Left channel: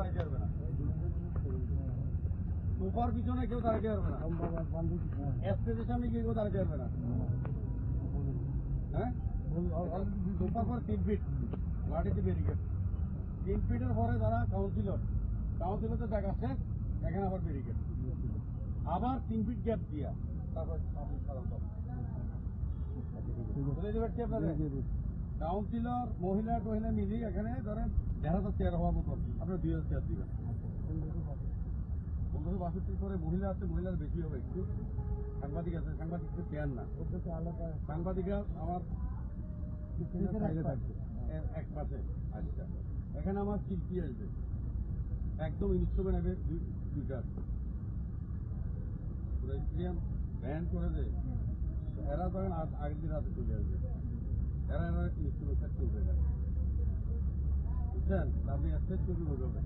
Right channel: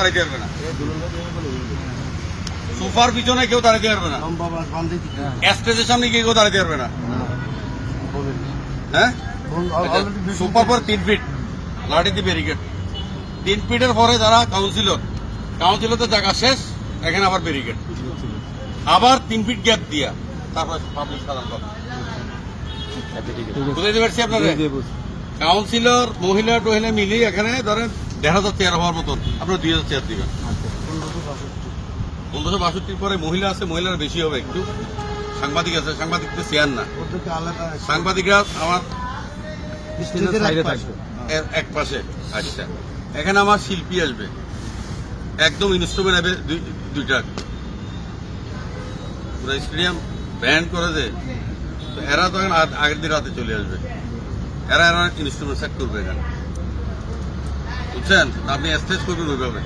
দাঁড়াইতে পারবে না, সোফার পিছনে কেউ দাঁড়াইতে পারবে না, স্টেজের সামনে গিয়ে কেউ দাঁড়াইতে পারবে না। হ্যাঁ, সোফার পর 3 ফিট লাঠি দিয়ে ব্যারিকেড, 3 ফিটের পরে যারা কাউন্সিলর জায়গা শেষ, এখানে আবার ব্যারিকেড, আবার 3 ফিট গ্যাপ দিয়া তারপর পাবলিক সাধারণ বুঝাইতে পারছি আপনারা। কাউন্সিলর মহিলা টহিলা মিলি এখানে ধরেন 1,500 চেয়ার হওয়ার মতন আপনারা 2,000 চেয়ার দিবেন। 1562 পরে মহিলা আছে, মহিলারা বেশি হবে একটু, সাংবাদিক আছে, সাংবাদিকদের চেয়ার না, সাংবাদিকরা আমার এক পাশে। আচ্ছা, এখানে আমার শিল্পী আসবে, একদম ইনস্ট্রুমেন্ট হবে 2টা, পুরো স্টেডিয়াম ব্যান্ড করে দেয়। এরা তখন আগের দিন রাতে চলে আসবে, এরা ইনস্ট্রুমেন্ট সেট করবে এখানে, বুঝছেন? আপনি স্টেজ করবেন ওইভাবে।